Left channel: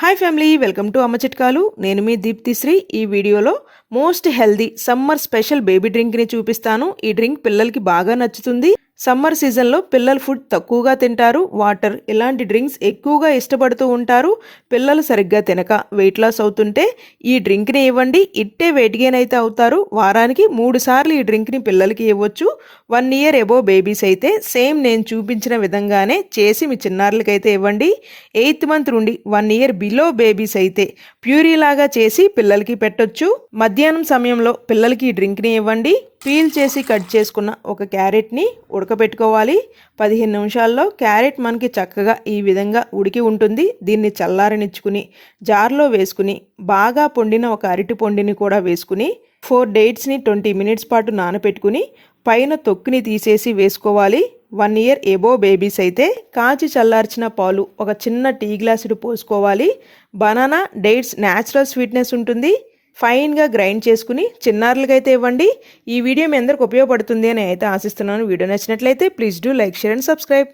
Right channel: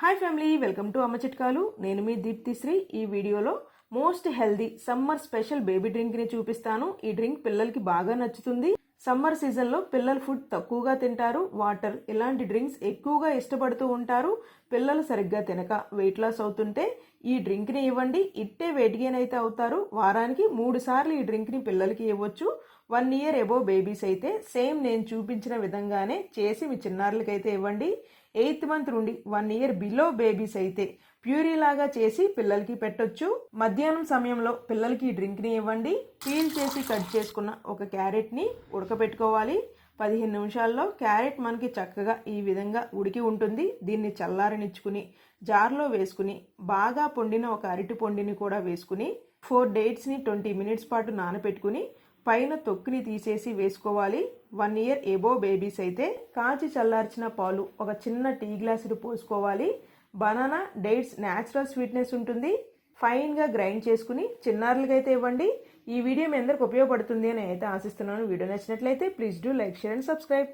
Hi family, welcome to అమ్మ చిట్కాలు. నేను మీ దీప్తిశ్రీ. ఈ వీడియోలో most healthy summer special baby డ్రింక్ని చూపిస్తాను. ఈ డ్రింక్ పిల్లలకి బాగా నచ్చుతుంది. సమ్మర్ సీజన్లో పిల్లలు ఫుడ్ తక్కువగా తింటారు, వాటర్ ఇలాంటి డ్రింక్స్ ఎక్కువగా ఇష్టపడుతూ ఉంటారు. పిల్లలు సరిగ్గా తినక వెయిట్ లాస్ అవుతుంటే ఈ డ్రింక్ని ఇవ్వండి, ఇట్టే వెయిట్ గెయిన్ అయితే అవుతారు. వారానికి 3 సార్లు ఈ డ్రింక్ని పిల్లలకి ఇవ్వచ్చు. 1 ఇయర్ ఎబోవ్ బేబీస్ అయితే సేమ్ నేను చూపించిన విధంగానే చేసి మీ చిన్నారులకైతే ఇవ్వండి. 8th మంత్ నుండి 1 ఇయర్ బిలో బేబీస్ అయితే ప్యూరీ లాగా చేసి పిల్లలకి పెట్టొచ్చు. మధ్యాహ్నం సమయంలో పిల్లలకి ఈ డ్రింక్ని ఇవ్వండి. పీల్ చేసి కట్ చేసుకున్న ఒక క్యారెట్ని ఉడకబెట్టుకోవాలి. 15 నిమిషాల్లో క్యారెట్ మనకి చక్కగా ఈ విధంగా ఉడికి ఉంటుంది. దీన్ని చల్లారనిచ్చుకుని జార్లో వేసుకుని బాగా పొండిన ఒక అరటి పొండిని కూడా వేసుకుని 4 డేట్స్ని 20 మినిట్స్ పాటు నానబెట్టుకుని పైన తొక్కుని తీసేసి వేసుకోవాలి. 1 ఇయర్ ఎబోవ్ బేబీస్ అయితే కాచి చల్లార్చిన పాలు ఒక చిన్న టీ గ్లాసుడు పోసుకోవాలి. బనానా డేట్స్ న్యాచురల్ స్వీట్నెస్ ఉంటుంది. ఫైన్గా గ్రైండ్ చేసుకుని చిన్నారులకైతే ఇవ్వండి. ఈ వీడియో మీ అందరికి ఉపయోగపడుతుంది అని అయితే ఆశిస్తున్నాను. వీడియో నచ్చినట్లయితే please do like, share and subscribe.